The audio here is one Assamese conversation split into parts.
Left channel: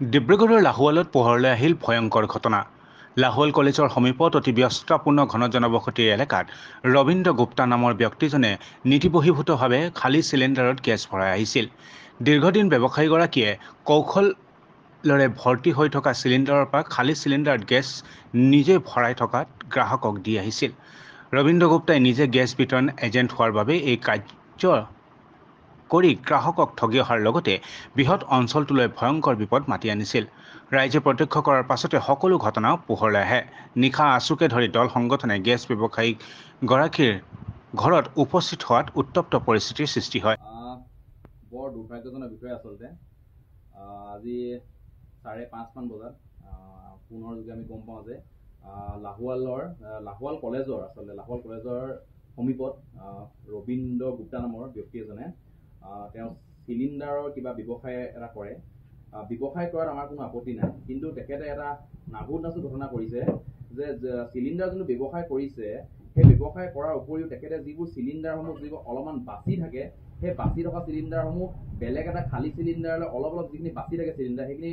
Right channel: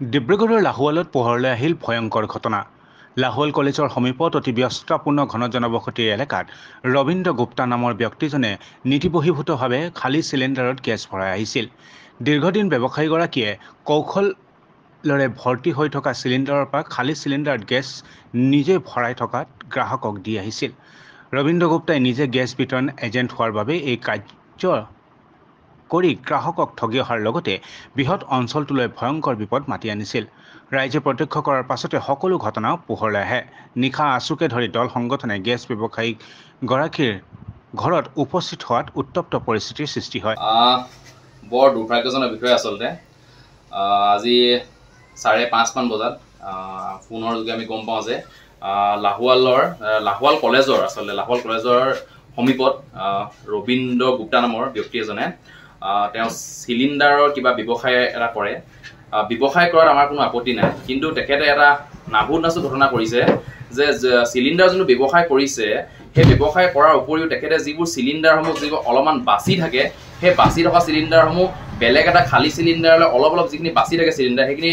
ডিব্ৰুগড়ৰ লাহোৱালত পোহৰলৈ আহিল ভয়ংকৰ ঘটনা। লাহোৱাল কলেজৰ সমীপত অতি ব্যস্ততাপূৰ্ণ ঘন জনবসতিৰ এলেকাত ৰবীন্দ্ৰ গুপ্তা নামৰ ব্যক্তিজনে নীতিবহীভূতভাৱে খালী চিলিণ্ডাৰত গেছ ভৰাই আহিছিল। দীৰ্ঘদিন ব্যৱসায়ীগৰাকীয়ে কৌশলেৰে ভৰ্তি হৈ থকা চিলিণ্ডাৰৰ পৰা খালী চিলিণ্ডাৰত গেছ নিজে ভৰাই থকাত গ্ৰাহকক দি আহিছিল। ৰবীন্দ্ৰ গুপ্তাই নিজে গেছ বিতৰণ এজেণ্ট হোৱাৰ বাবে এই কাৰ্য কৰি গ্ৰাহকক ঠগি অহাৰ লগতে বৃহৎ অঞ্চলটোলৈ ভয়ংকৰ বিপদ মাতি আনিছিল। ৰাইজে প্ৰত্যক্ষ কৰাৰ পাছতে সকলো ঘটনা পোহৰলৈ আহে। নিশা আছুকে ধৰি দল সংগঠনে গেছ ব্যৱসায়ীগৰাকীৰ ঘৰত উপস্থিত হোৱাত উত্তপ্ত পৰিস্থিতিৰ সৃষ্টি হয়। বৰ দুৰ্ভাগ্যজনক বিষয় আচলতে। আজি 5:30 মান বজাত ফোনৰ যোগে আমি গম পাওঁ যে লাহোৱাল কলেজৰ সমীপত ৰবীন্দ্ৰ গুপ্তা নামৰ ব্যক্তি এজনে তেওঁ চিলিণ্ডাৰৰ কিবা ব্যৱসায় এটা কৰে। ব্যৱসায় কৰাত আমাৰ কোনো আপত্তি নাই, কিন্তু তেখেতে এটা নাভুত ঘটনা কৰিছে যে চিলিণ্ডাৰ যোনটো ব্যৱসায় কৰিছে সেই ব্যৱসায় কৰাৰ উপৰিও তেখেতে যিবোৰ চিলিণ্ডাৰসমূহ যিবোৰ অলপমান বাচি থাকে, সেই বাচি থকা চিলিণ্ডাৰসমূহ বেলেগ এটা খালী চিলিণ্ডাৰলৈ অলপ যিখিনি বাচি থাকে চিলিণ্ডাৰ সেইখিনি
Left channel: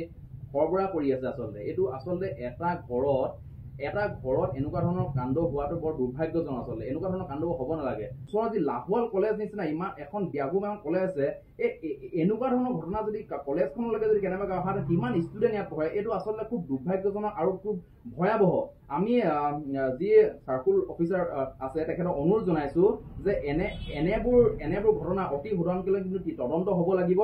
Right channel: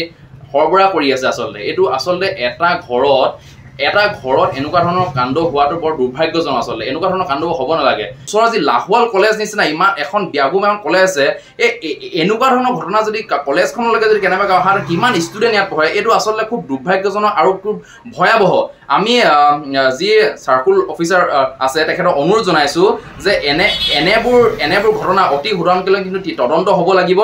সৰবৰাহ কৰি আছে। এইটো আচলতে এটা ঘৰত এনেকুৱা ধৰণৰ কাণ্ড হোৱাটো বৰ দুৰ্ভাগ্যজনক। আচলতে এনেকুৱা ধৰণৰ কাণ্ড হ'ব নালাগে। ওচৰৰ যি লাহোৱাল কলেজ নিচিনা ইমান এখন ব্যাপকমান কলেজ আছে, এনেকুৱা ধৰণৰ ঘটনা যদি কলেজখনলৈকে যদি কেনেবাকৈ অহা কিমান ষ্টুডেণ্ট ইয়াত পঢ়ে, এইটো আচলতে খুব দুৰ্ভাগ্যজনক আৰু খুব ভয়াৱহ। আমি যি চাৰ্কুল অফিচাৰ আছে তেখেতক অনুৰোধ জনাইছোঁ যে এনেবোৰ ঘটনা অতি সোনকালে কিন্তু তদন্ত হ'ব লাগিব।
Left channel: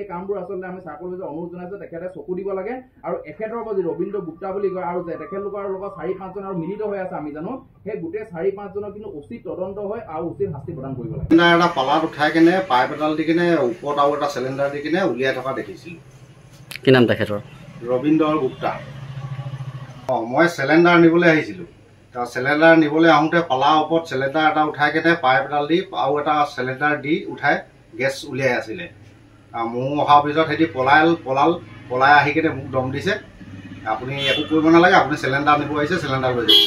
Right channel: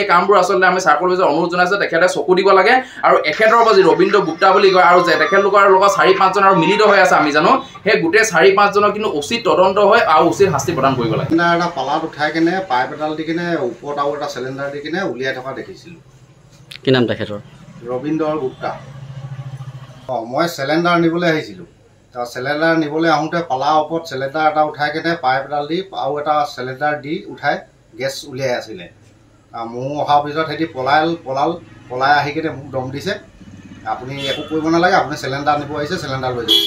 এই কামবোৰ আচলতে আমি চাৰ্কুল অফিচাৰ অনুৰোধ জনাইছোঁ তেখেতে চকু দিব লাগে। আৰু এখেতৰ পৰা যি ৰবীন্দ্ৰ গুপ্তা বুলি কয় আৰু যে তেখেতলোকৰ লগত 4-5 জন আৰু মিলিত হৈ আছে, আমি জানো সেই গোটেই 4-5 জনক কিন্তু উচিত তদন্ত হয় আৰু উচিত শাস্তি প্ৰদান কৰিব লাগে। এটা পালাত উঠাই কেনে পাইপ এডাল দি কিনে ওপৰত আৰু এটা চিলিণ্ডাৰ দি কিনে উলিয়াই থকা দেখিছিলোঁ। কি নাম তেখেতৰ? ৰবীন্দ্ৰ গুপ্তা। মই চিলিণ্ডাৰ নিবলৈ আহিছিলোঁ। চিলিণ্ডাৰ নিবলৈ আহোঁতে পালাৰ ওপৰত চিলিণ্ডাৰ এটা উঠাই কেনে পাইপ এডাল দি আৰু এটা চিলিণ্ডাৰ দি উঠাই গেছ উলিয়াই আছিলে। মোৰ অহাৰ পিছত সিহঁতি পলাই আহি কিনে মোক দম দিছে, আপুনি একো কৰিব নালাগে, আপুনি চিলিণ্ডাৰ নিব আহিছে, চিলিণ্ডাৰ লৈ যাব।